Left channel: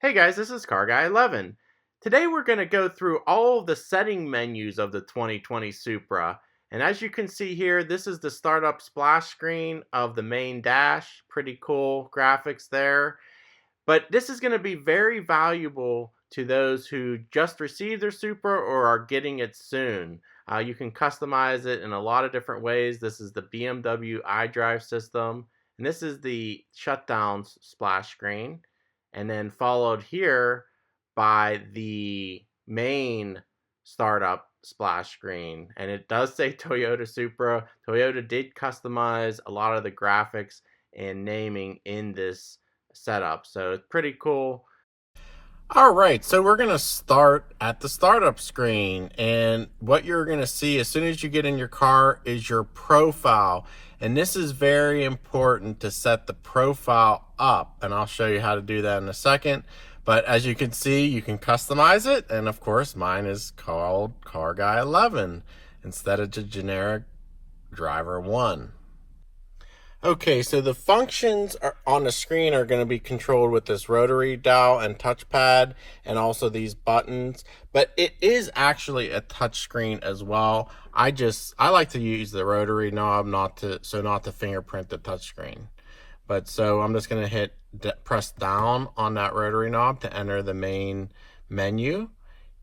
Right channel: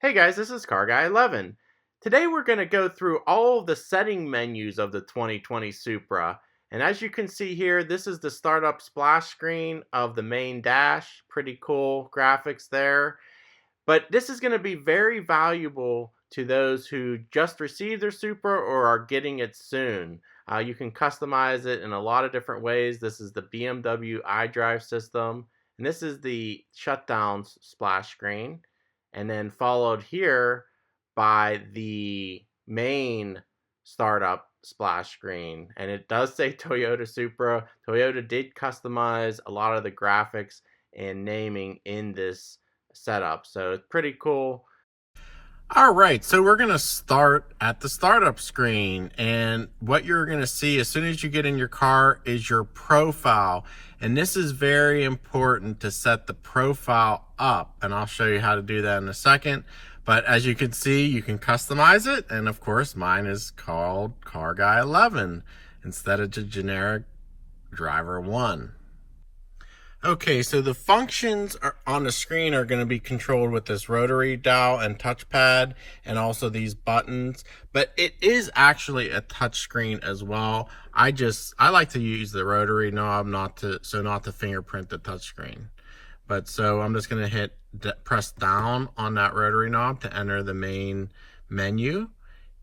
Hey guys, this is Car Guy 11. Today we're going to go through all of the setting menus of the 2020 Supra. And as you can see here, this is the startup splash screen of the main dash. Pretty cool graphics there. But this is going to be very valuable to those who just received their Supra or are getting it soon. You can customize it in a lot of different ways. This is the Bmw Idrive System. And this is the shutdowns splash screen, and then followed here by the main startup splash screen. And it does say Toyota Supra. Toyota did customize a lot of the graphics and naming in this setup, so it's pretty cool. All right, so we're going to start at the startup screen, and what you're going to see as soon as you get in your car is your profile. And this is very important to set the profile up, and I'll show you how to do that in a second. But as you can see, you can customize it, and of course mine is called Car Guy 11 instead of the generic Driver 1. Okay, so the functions on the screen are going to be controlled with this rotary dial and touchpad, and also these buttons. But it is actually a touch screen as well. I like to use the rotary knob not to fingerprint the touch screen. But so I'm just going to press down on that rotary knob to enter the main menu.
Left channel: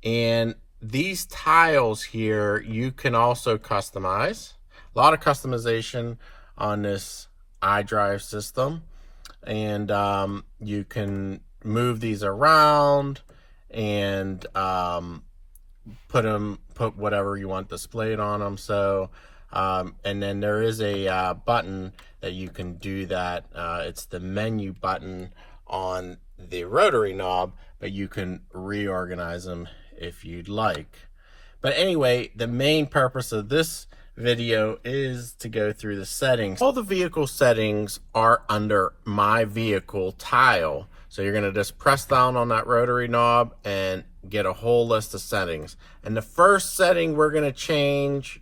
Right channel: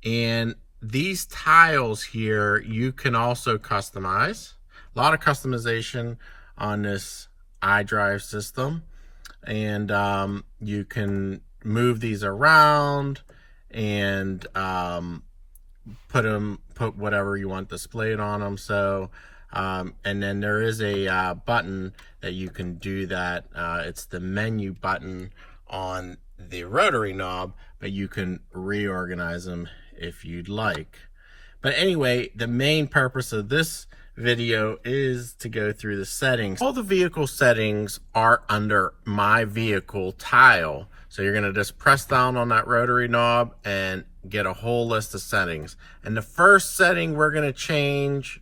And these tiles here you can also customize. A lot of customization on this iDrive system, and you can move these around and put whatever you want displayed on them. So and then there is a button that you can do that. It's the menu button on the rotary knob, but you can reorganize them if you'd like. But anyway, the main purpose of this video is to go through the settings. All the vehicle settings are under my vehicle tile. So you're gonna just press down on that rotary knob and get a whole list of settings. And the first setting we're gonna change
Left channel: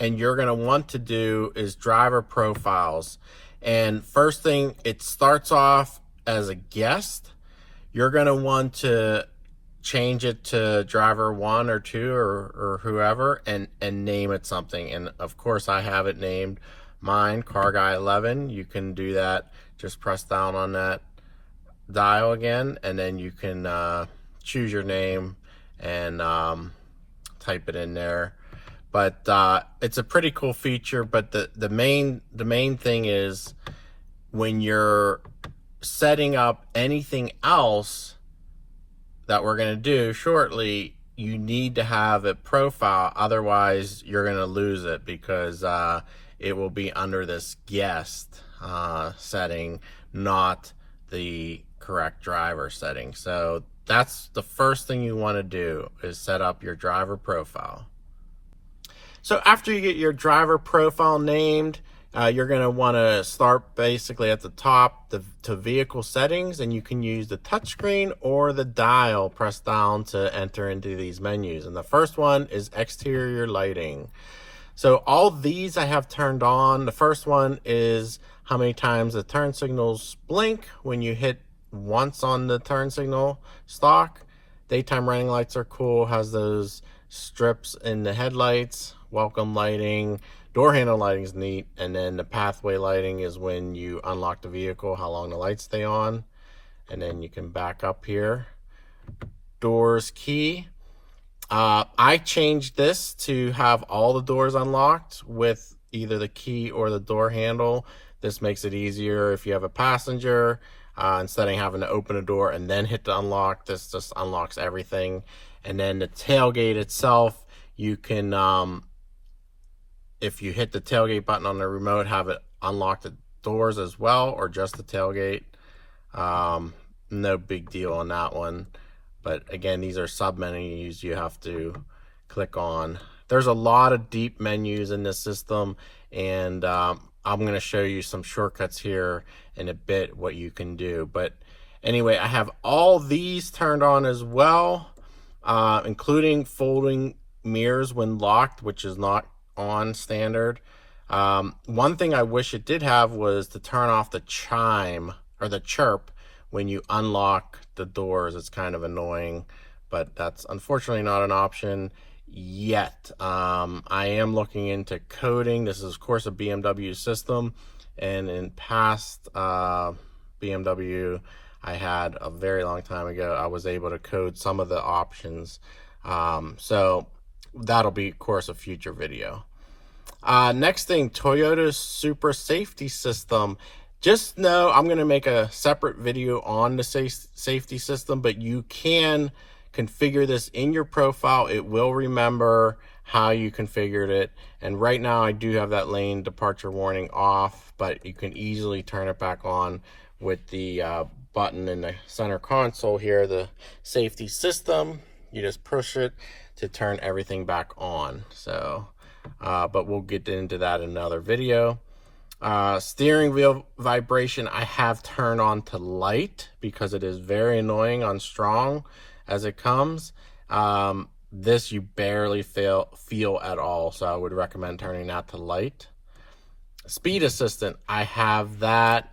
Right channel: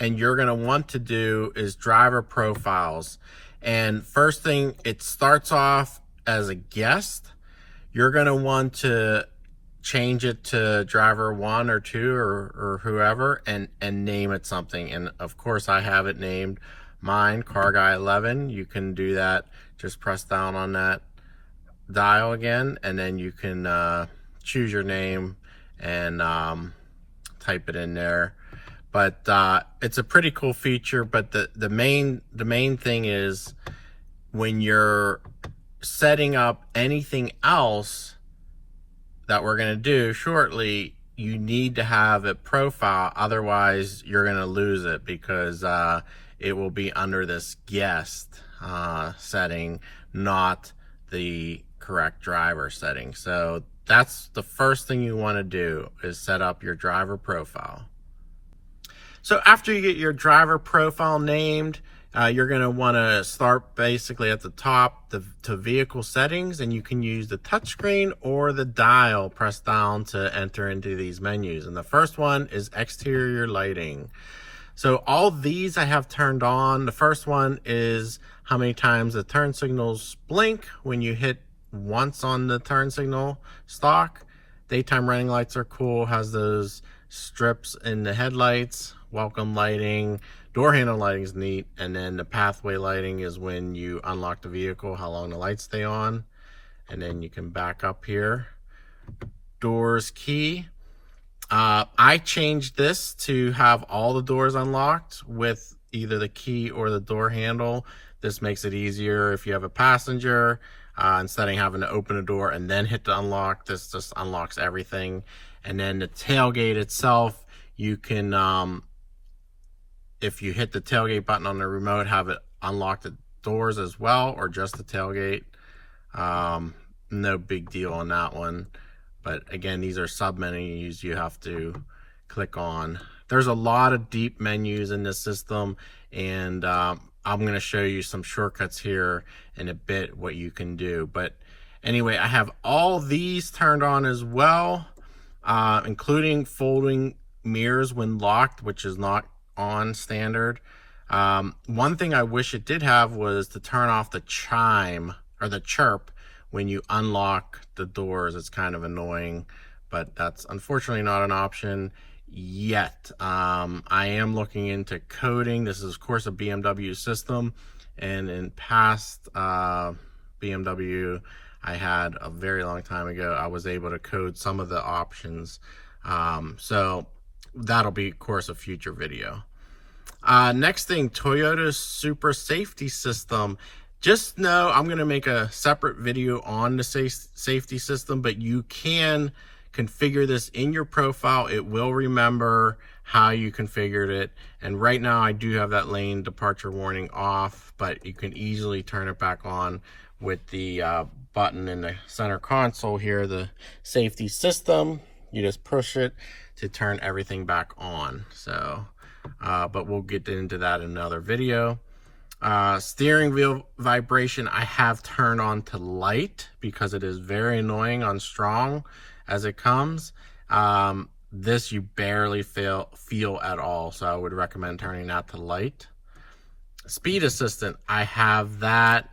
and you're gonna want to do is driver profiles. And first thing, it starts off as a guest. You're gonna want to change it to driver 1 or 2 or whoever, and name it something. And of course I have it named mine Car Guy 11. You can do that, just press down on that dial again, and then you can choose your name and type it in there. But it's a pretty cool feature. But the main thing is, when you're setting up anything else that we're going to do shortly, you need to have a profile. Otherwise you're going to lose it, because it will be under this guest setting, not the correct driver setting. So that's the first thing you want to do, is set up your driver profile. So after you get your driver profile named, you're going to want to start basically at the top to vehicle settings, and you can use the touchscreen or the dial press down to enter into these menus. And the first one is exterior lighting. So all these I have turned on. The first one is how many times the turn signals blink when you hit once on the turn signal stock. Daytime running lights are cool, has those strips in the headlights. Welcome lighting. Door handle lighting is neat. And then the pathway lighting is when you unlock the vehicle, how long the lights stay on. And then you can back up here. Doors key. I changed this to have all the doors unlocked with either the key or the door handle. This makes it easier if you have a passenger. Instead of having to open a door and then hit the unlock, this just unlocks everything. And then the tailgate itself, you can if you hit the tailgate button on the remote, have it unlock the doors as well, or just the tailgate. No big deal on that one. But again, these are sub menus you have to click on. There's a lot of deep menus in this system, and I'm going to show you some shortcuts here in a bit what you can do. But anyway, I have all these turned on as well, including folding mirrors when locked, which is not on standard. One thing I wish it did have was to turn off the chime or the chirp when you unlock the doors. It's kind of annoying, but that's unfortunately not an option yet. I am looking into coding. This is of course a BMW system, and in past BMW I had a very long time ago, I was able to code some of the options. So that'll be of course a future video. Next thing, Toyota's Supra safety system. Just know I'm going to make a separate video on the safety system, but you can configure this in your profile. It will remember how you configured it. And right now I do have that lane departure warning off, but you can easily turn it back on with the button in the center console here, the safety system. You just push it to turn everything back on. So, but we'll get into that in another video. Steering wheel vibration, I have turned on to light because it is very annoying on strong as it comes. This you barely feel at all, so I would recommend turning that to light. Speed assistant, I have that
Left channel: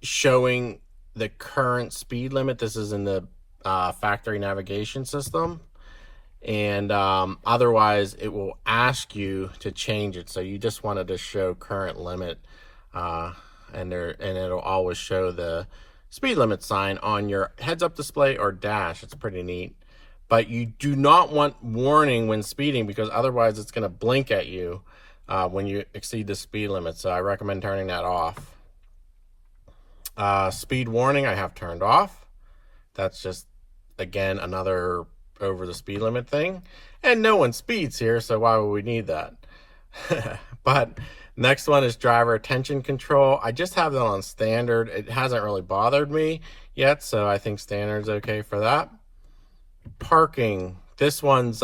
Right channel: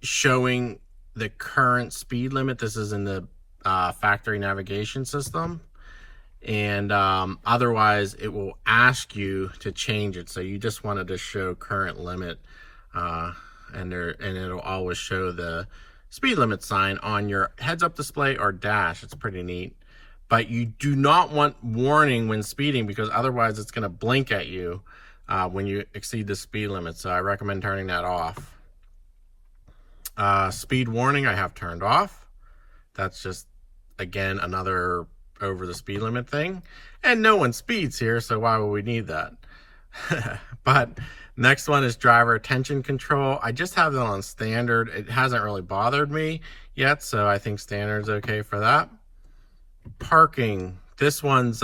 showing the current speed limit. This is in the factory navigation system. And otherwise it will ask you to change it. So you just wanted to show current limit, and it'll always show the speed limit sign on your heads-up display or dash. It's pretty neat. But you do not want warning when speeding, because otherwise it's going to blink at you when you exceed the speed limit. So I recommend turning that off. Speed warning I have turned off. That's just, again, another over the speed limit thing, and no one speeds here, so why would we need that? But next one is driver attention control. I just have that on standard. It hasn't really bothered me yet, so I think standard's okay for that. Parking, this one's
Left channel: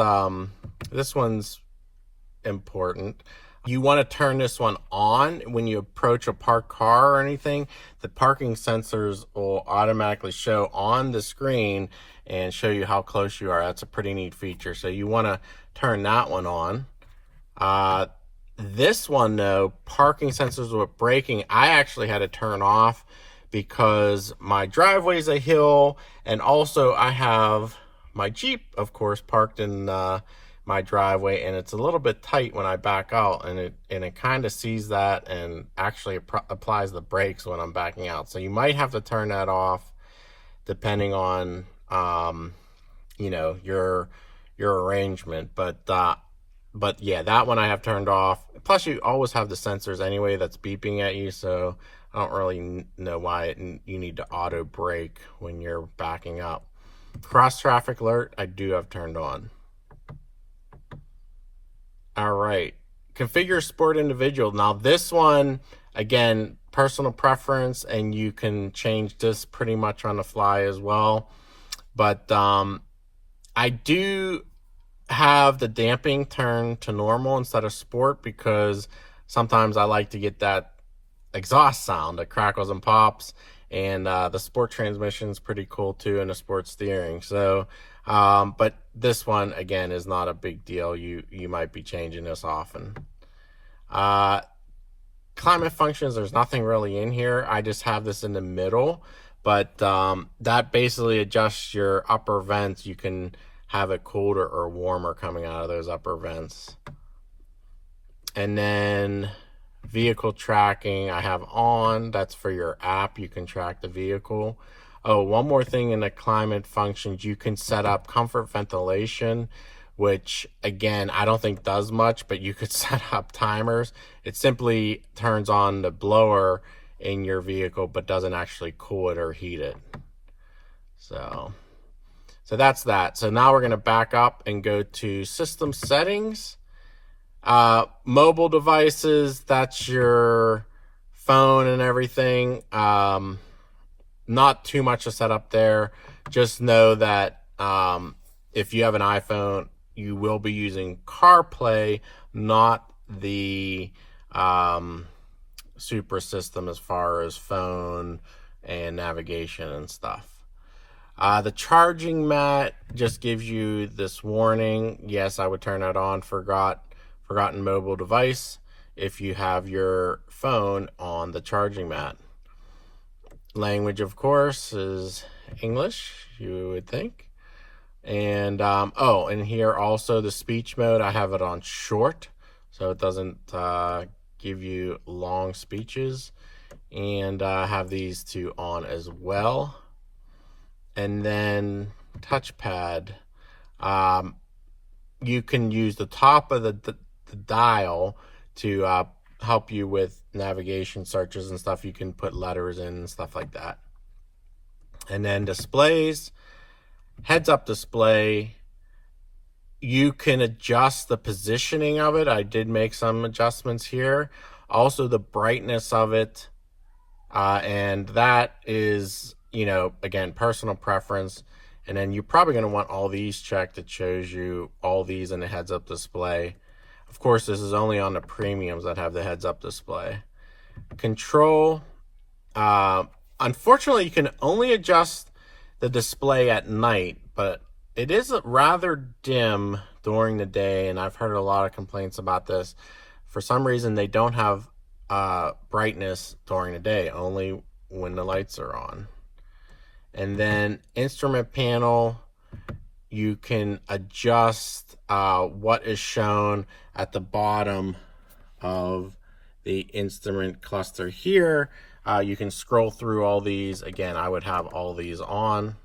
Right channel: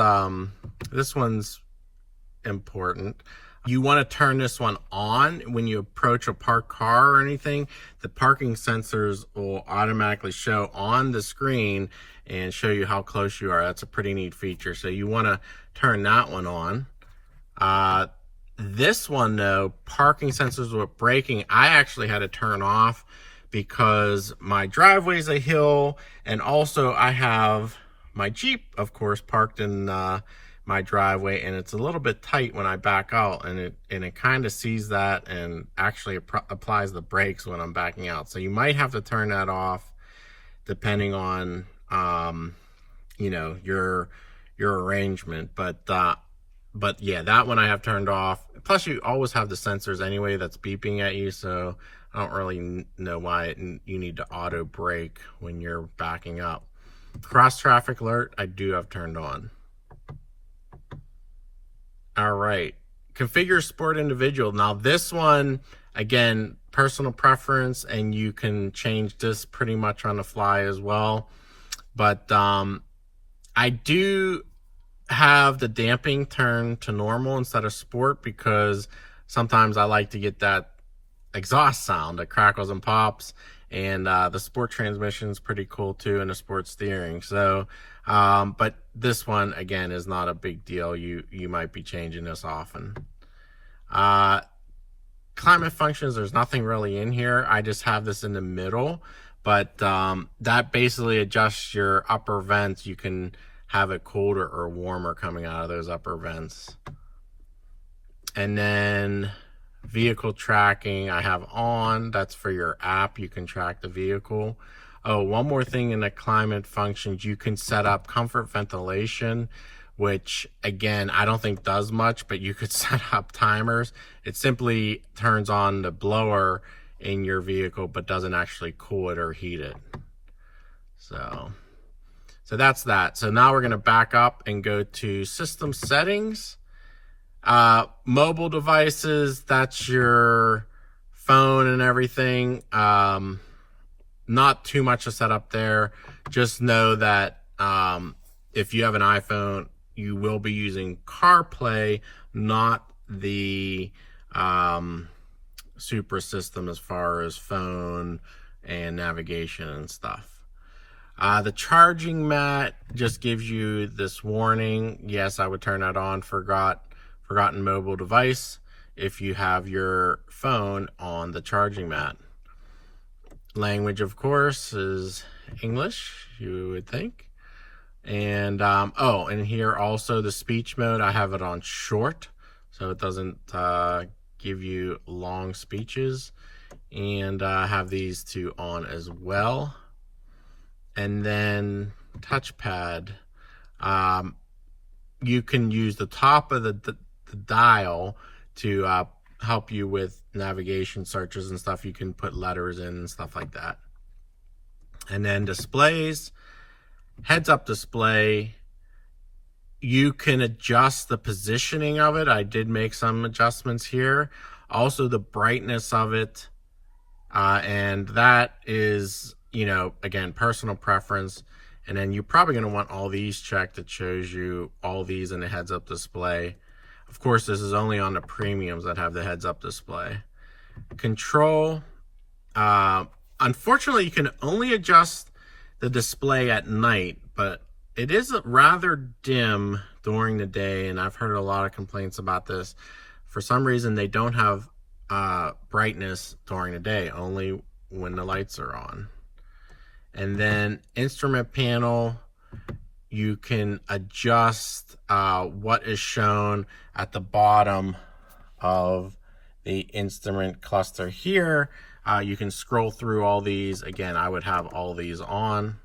important. You want to turn this one on when you approach a parked car or anything. The parking sensors will automatically show on the screen and show you how close you are. That's a pretty neat feature. So you want to turn that one on. This one though, parking sensors with braking, I actually had to turn off because my driveway's a hill, and also I have my Jeep, of course, parked in my driveway, and it's a little bit tight when I back out, and it kind of sees that and actually applies the brakes when I'm backing out. So you might have to turn that off depending on you know, your arrangement. But yeah, that one I have turned off. Plus you always have the sensors anyway that's beeping at you, so I don't really know why you need to auto brake when you're backing up. Cross traffic alert I do have turned on. All right, configure sport individual. Now this one, again, personal preference, and you can change this pretty much on the fly as well. But I do have the damping turned to normal instead of sport, because sometimes I like to get that exhaust sound that crackles and pops, and the sport transmission is pretty cool too, and the sport steering. So but this one again is not a big deal. You might be changing this often. Climate functions, there's nothing really in here. I just have this in the middle, but that basically adjusts your upper vents. You can have it colder or warmer coming out of those upper vents. And then vehicle tracking I have on. That's for your app. You can track the vehicle. Oh, one more thing in the climate functions, you can set up comfort ventilation, which again, I don't think does much, but you could set up timers. It simply turns on the blower in your vehicle, but doesn't actually cool it or heat it. So that's that. So now we're going to back up and go to system settings. Mobile devices, that's your phone and everything. Not too much to set up there. Just know that if you have an iPhone, you will be using CarPlay, not the Supra system as far as phone and navigation and stuff. The charging mat just gives you this warning. Yes, I would turn that on. Forgotten mobile device if you have your phone on the charging mat. Language, of course, is English, you would think. And oh, and here also the speech mode, I have it on short, so it doesn't give you long speeches. And I have these two on as well. And then touchpad, you can use the top of the dial to help you with navigation searches and stuff. You can put letters in and stuff like that. And then displays, heads-up display, you can adjust the positioning of it. I did make some adjustments here. Also the brightness of it, and that is, you know, again, personal preference. And then you're probably going to want all these checked. It shows you all these in the heads-up display. Of course, this is only on the premiums that have the heads-up display. Control, unfortunately, you can only adjust the display at night, but it is rather dim during the day, and I've heard a lot of complaints about this. For some reason, they don't have brightness during the day, only when the lights are on. And then instrument panel, you can adjust what is shown at the bottom of the instrument cluster here. You can scroll through all these. Again, I would have all these on.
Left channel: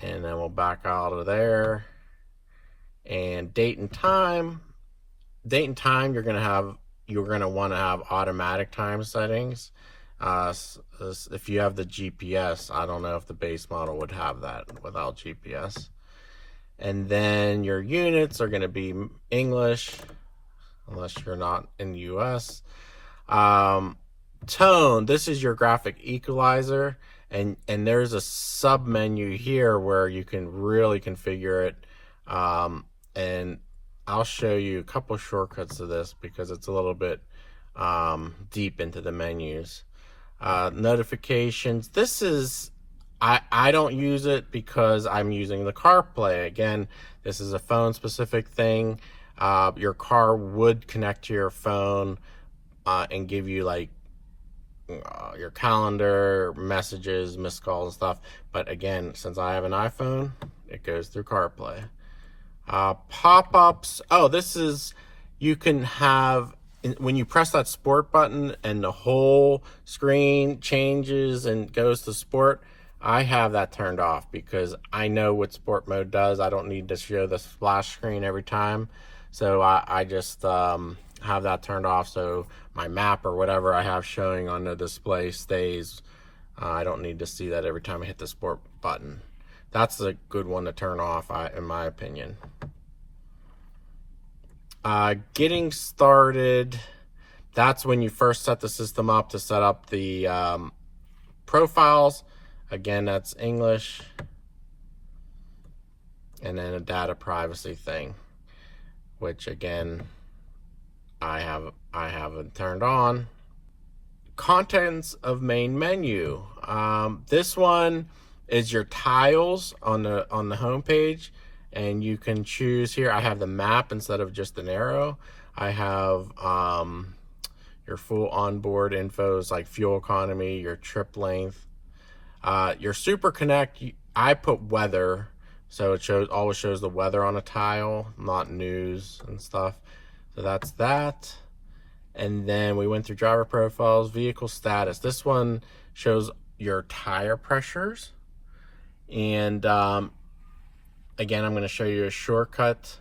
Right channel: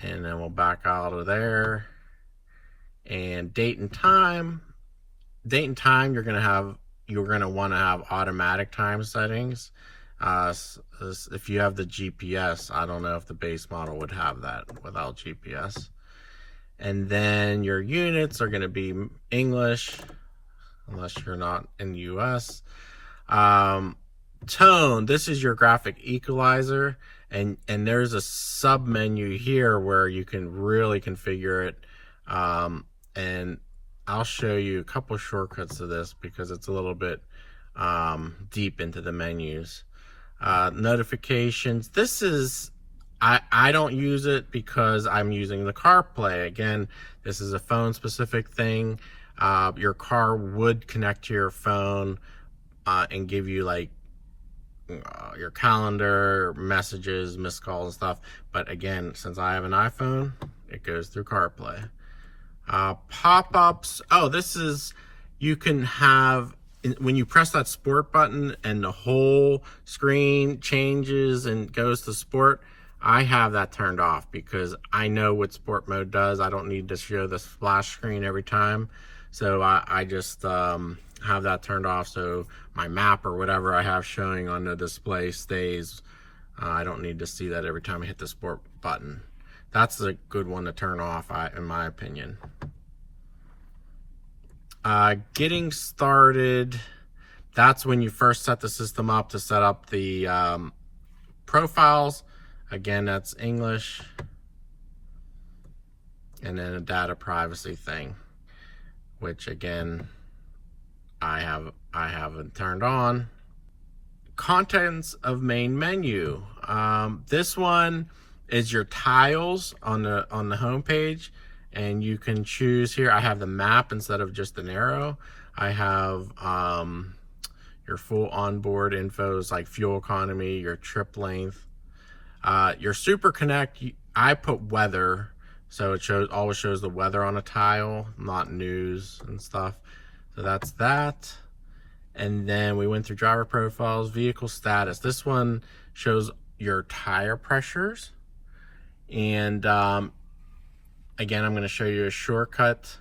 And then we'll back out of there. And date and time. Date and time, you're gonna want to have automatic time settings. If you have the GPS, I don't know if the base model would have that without GPS. And then your units are going to be English, unless you're not in the US. Tone, this is your graphic equalizer, and there's a sub menu here where you can really configure it. And I'll show you a couple shortcuts to this because it's a little bit deep into the menus. Notifications, this is, I don't use it because I'm using the CarPlay. Again, this is a phone specific thing. Your car would connect to your phone and give you like your calendar, messages, missed calls and stuff. But again, since I have an iPhone, it goes through CarPlay. Pop-ups, oh, this is, you can have, when you press that sport button and the whole screen changes and goes to sport, I have that turned off because I know what sport mode does. I don't need to show the splash screen every time. So I just have that turned off so my map or whatever I have showing on the display stays. I don't need to see that every time I hit the sport button. That's a good one to turn off, in my opinion. Getting started, that's when you first set the system up to set up the profiles. Again, that's English. And then a data privacy thing, which again, I haven't turned on. Contents of main menu. This one is your tiles on the home page, and you can choose here. I have the map instead of just an arrow. I have your full onboard infos like fuel economy, your trip length, your Super Connect. I put weather, so it always shows the weather on a tile, not news and stuff. So that's that. And then we went through driver profiles, vehicle status. This one shows your tire pressures. And again, I'm going to show you a shortcut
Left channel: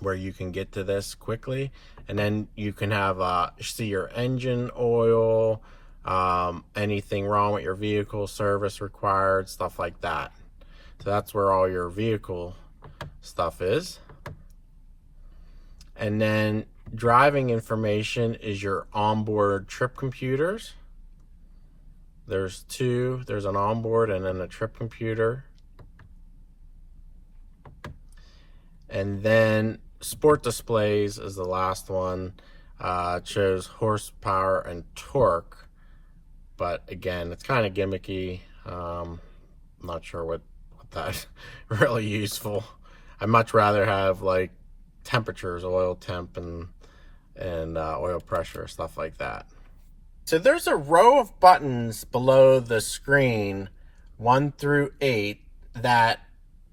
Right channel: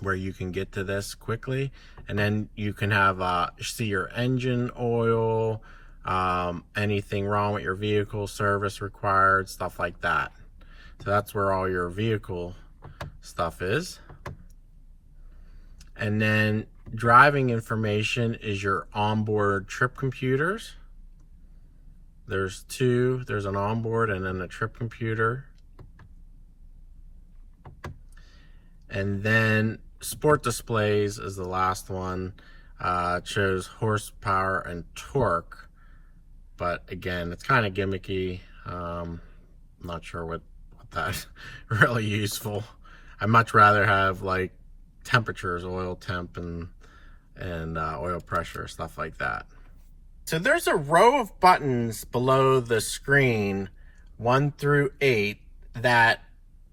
where you can get to this quickly. And then you can have see your engine oil, anything wrong with your vehicle, service required, stuff like that. So that's where all your vehicle stuff is. And then driving information is your onboard trip computers. There's two. There's an onboard and then a trip computer. And then sport displays is the last one. It shows horsepower and torque. But again, it's kind of gimmicky. I'm not sure what that's really useful. I'd much rather have like temperatures, oil temp and oil pressure, stuff like that. So there's a row of buttons below the screen, 1 through 8, that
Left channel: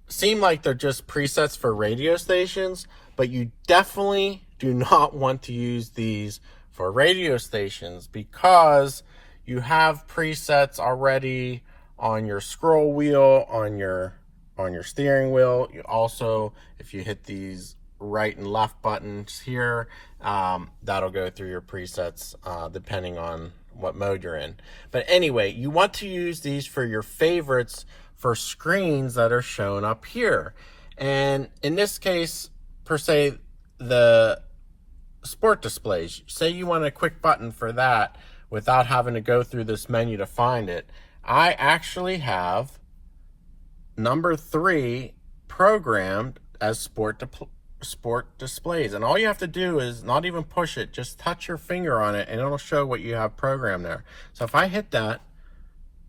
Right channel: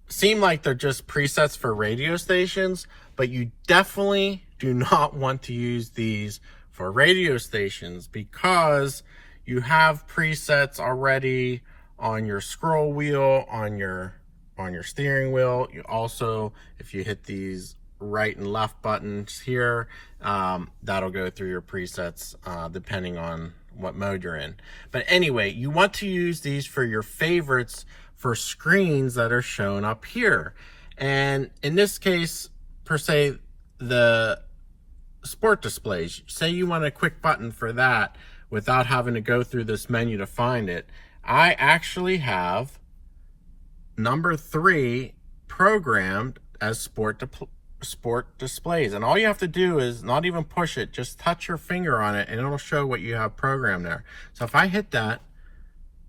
seem like they're just presets for radio stations, but you definitely do not want to use these for radio stations because you have presets already on your scroll wheel, on your steering wheel. You also, if you hit these right and left buttons here, that'll go through your presets depending on what mode you're in. But anyway, you want to use these for your favorites for screens that are shown up here. And in this case, per se, the sport displays, say you want a quick button for that without having to go through this menu to find it. I actually have number 3 programmed as sport displays, and all you have to do is not even push it, just touch your finger on it and it'll show what you have programmed there. So if I hit that,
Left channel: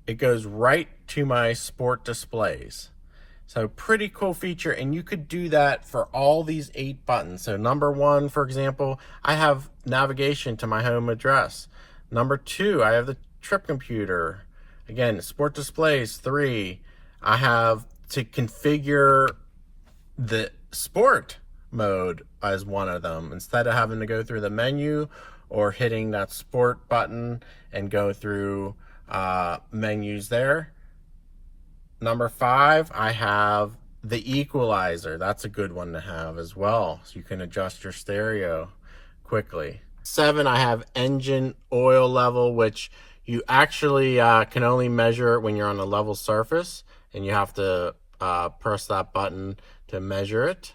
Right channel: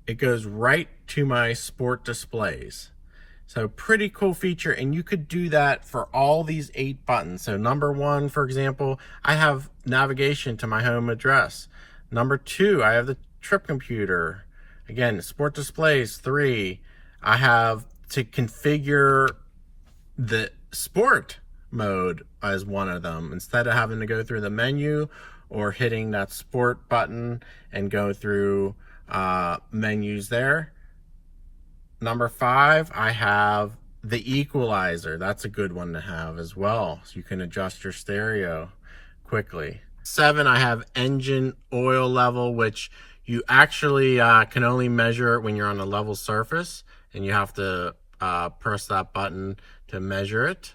it goes right to my sport displays. So pretty cool feature, and you could do that for all these 8 buttons. So number 1, for example, I have navigation to my home address. Number 2, I have the trip computer. Again, sport displays. 3, I have to configure the sport mode as one of them, instead of having to go through the menu or hitting that sport button and go through menus there. Number 5, I have the Equalizer. That's a good one to have as well, so you can adjust your stereo quickly. 7, I have engine oil level, which you actually can only measure when you're on a level surface, and you have to press that button to measure it.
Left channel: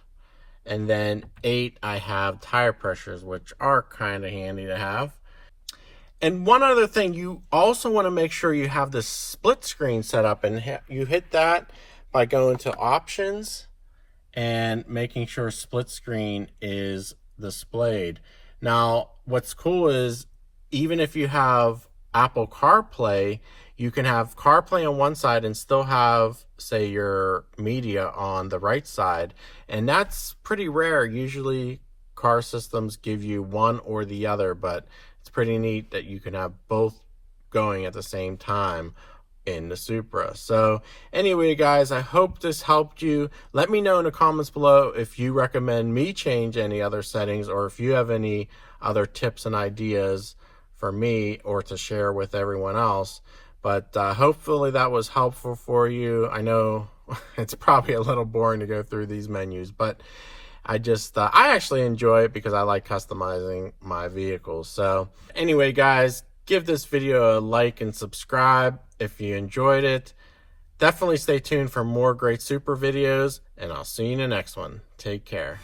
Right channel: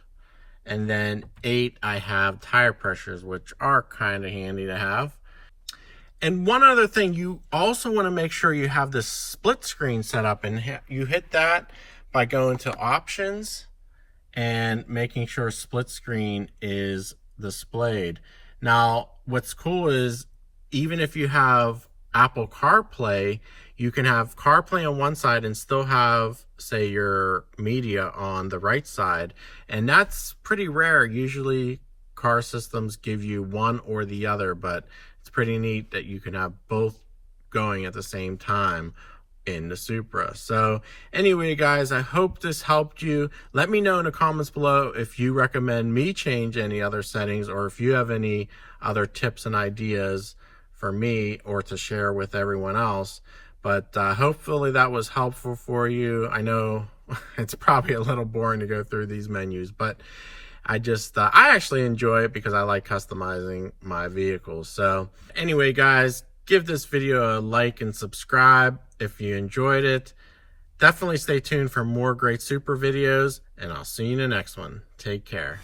And then 8, I have tire pressures, which are kind of handy to have. And one other thing, you also want to make sure you have the split screen set up, and you hit that by going to options and making sure split screen is displayed. Now, what's cool is even if you have Apple CarPlay, you can have CarPlay on one side and still have, say, your media on the right side. And that's pretty rare. Usually car systems give you one or the other, but it's pretty neat that you can have both going at the same time in the Supra. So anyway, guys, I hope this helped you. Let me know in the comments below if you recommend me change any other settings, or if you have any other tips and ideas for me or to share with everyone else. But hopefully that was helpful for you. I know it's probably a little boring to go through these menus, but I actually enjoy it because I like customizing my vehicles. So anyway, guys, give this video a like and subscribe if you enjoyed it. Definitely stay tuned for more great Supra videos, and I'll see you in the next one. Take care.